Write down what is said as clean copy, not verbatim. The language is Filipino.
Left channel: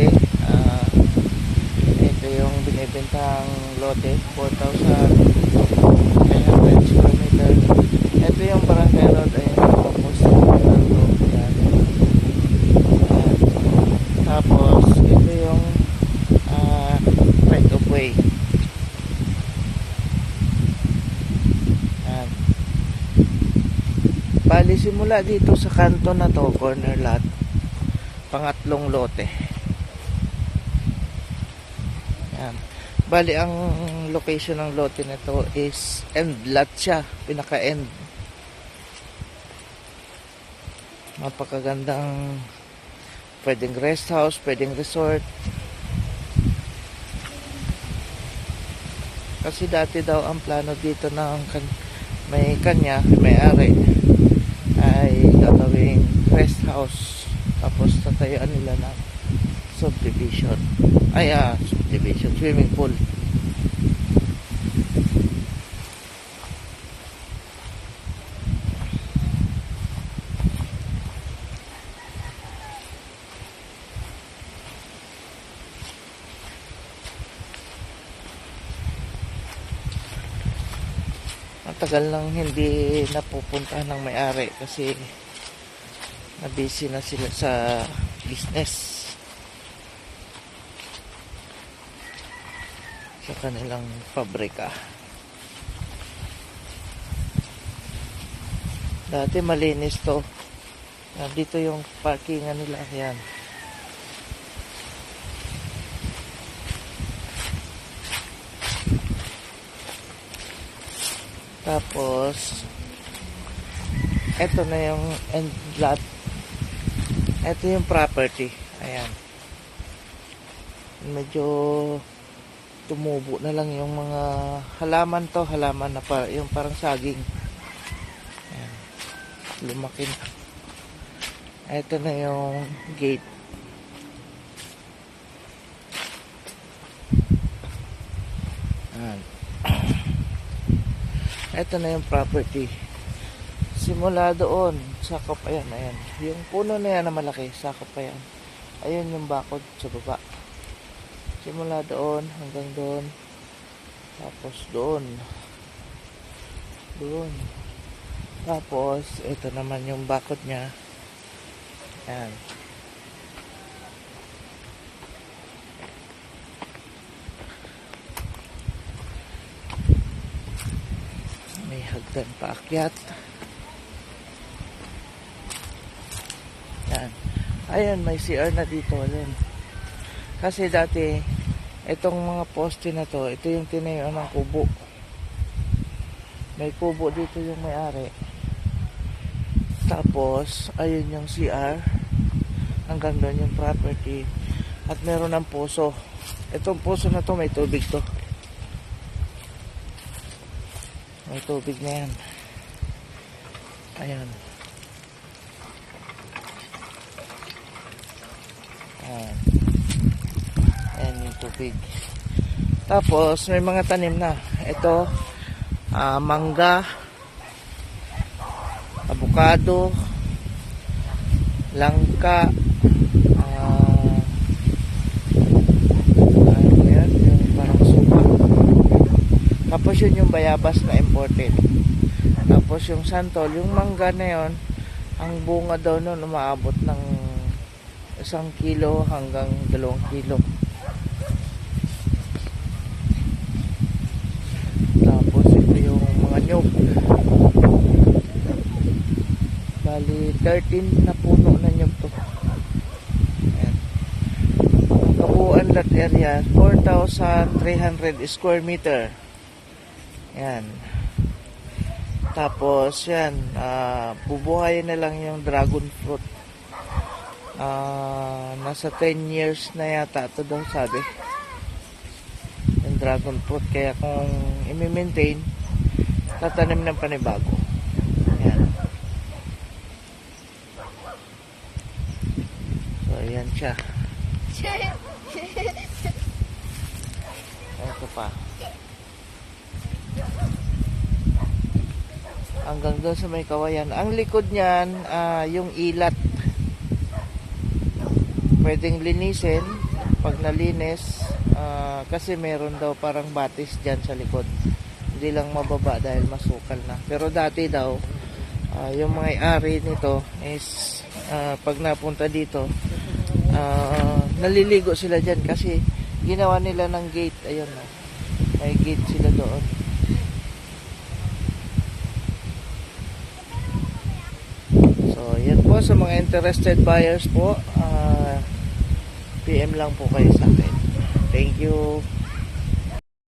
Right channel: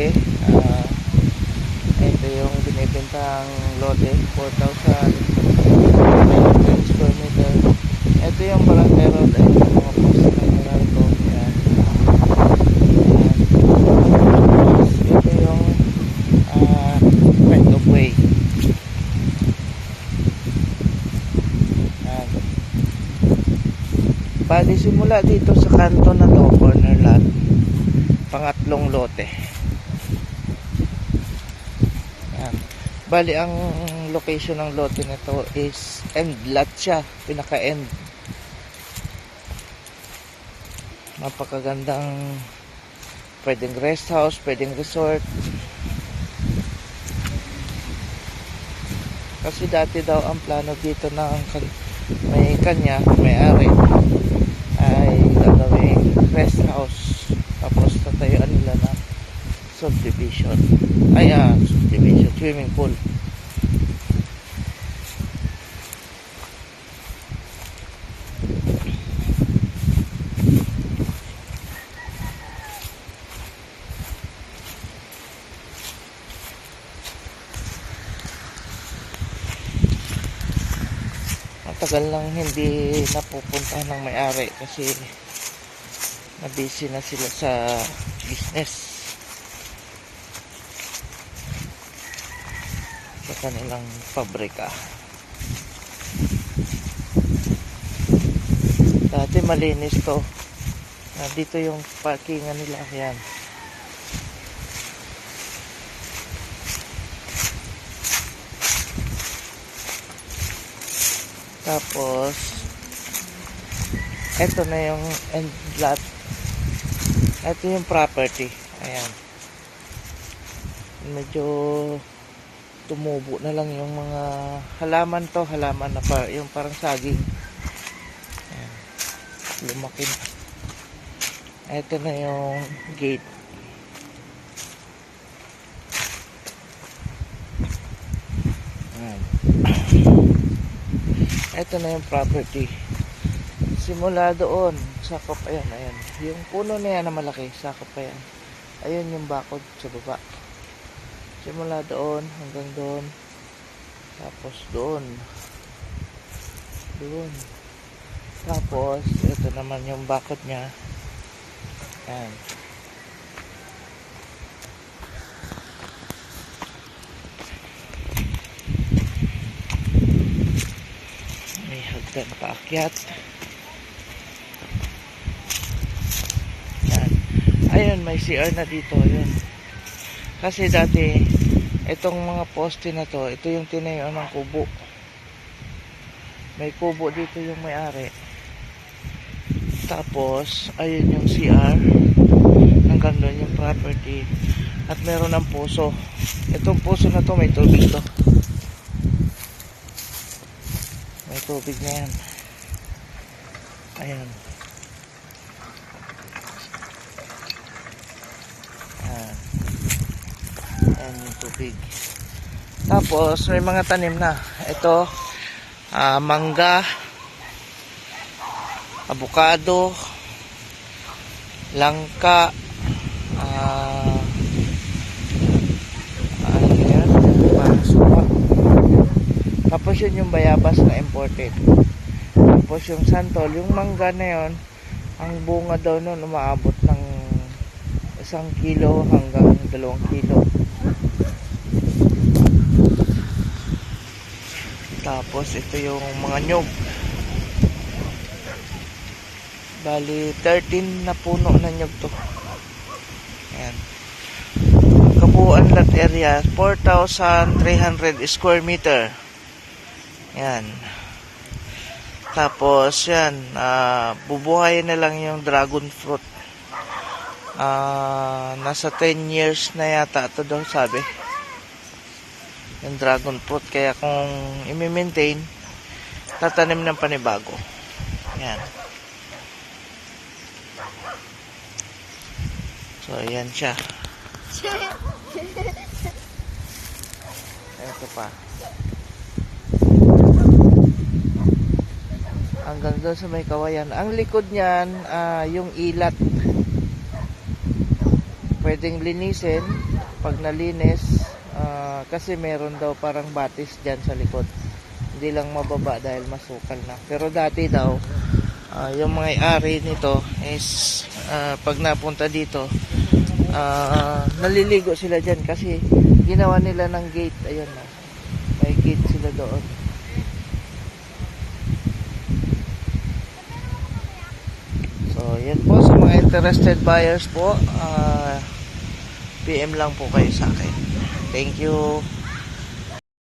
lote. Ito yung binibentang lote, 4,500 square meter. Ito yung barangay road. Ayun yung mga post na meron ko. Ayan. Tapos ito yung right of way. Ayan. Bali simula dito sa kanto na to, corner lot, pangatlong lote. Ayan. Bali ang location ng lote na to is end lot siya, pinaka end. Mapakagandang, pwedeng rest house, pwedeng resort. Kasi dati daw ang plano dito ng may kanya, may-ari, ay gagawing rest house. Tapos tatayuan nila ng subdivision. Subdivision, swimming pool. Matagal lang hindi napupuntahan ng may-ari kasi na-busy na sila sa business, sa kanilang pabrika. Dati malinis to. Dito yung parkingan nila. Yan. Tapos ito na yung end lot. Ito yung property. Ayan. Medyo tumubo na lang yung mga halaman to. Halaman na yung parang saging. Ayan. Lumaki na. Ito na yung gate. Ayan. Ito na yung property. Simula doon, sakop, ayan. Yung puno na yan na malaki, sakop pa yan. Ayun yung bakod sa baba. Simula doon, hanggang doon. Tapos doon. Doon. Tapos, ito naman yung bakod niya. Ayan. Hagdan paakyat. Yan. Ayun, may CR na dito. Ayun. Kasi dati, itong mga poste na to, ito yung tinayuan ng kubo. May kubo dito yung may-ari. Tapos, ayun yung CR. Hanggang doon yung property. At meron ng puso. Itong puso na to, may tubig to. May tubig na yan. Ayan. Ayan. Ayan yung tubig. Tapos may mga tanim na. Ito, mangga, avocado, langka, tapos yun yung bayabas na imported. Tapos yung santol, yung mangga na yun, ang bunga daw nun umaabot ng 1 kilo hanggang 2 kilo. Tapos ito yung mga nyug. Bali 13 na puno na nyug to. Ayan. Kabuuan lot area 4,300 square meter. Yan. Tapos yan, bubuhayin na lang yung dragon fruit. Nasa 10 years na yata ito daw sabi. Yung dragon fruit. Kaya kung i-maintain, tatanim ng panibago. Yan. So yan siya. Ito pa. Hanggang doon sa may kawayan. Ang likod niyan, yung ilat. pwedeng linisin. Pag nalinis, kasi meron daw parang batis dyan sa likod. Hindi lang mababa dahil masukal na. Pero dati daw, yung mga ari nito is pag napunta dito, naliligo sila dyan kasi ginawa nila ng gate. Ayun, no? May gate sila doon. So, yan po sa mga interested buyers po. PM lang po kayo sa akin. Thank you.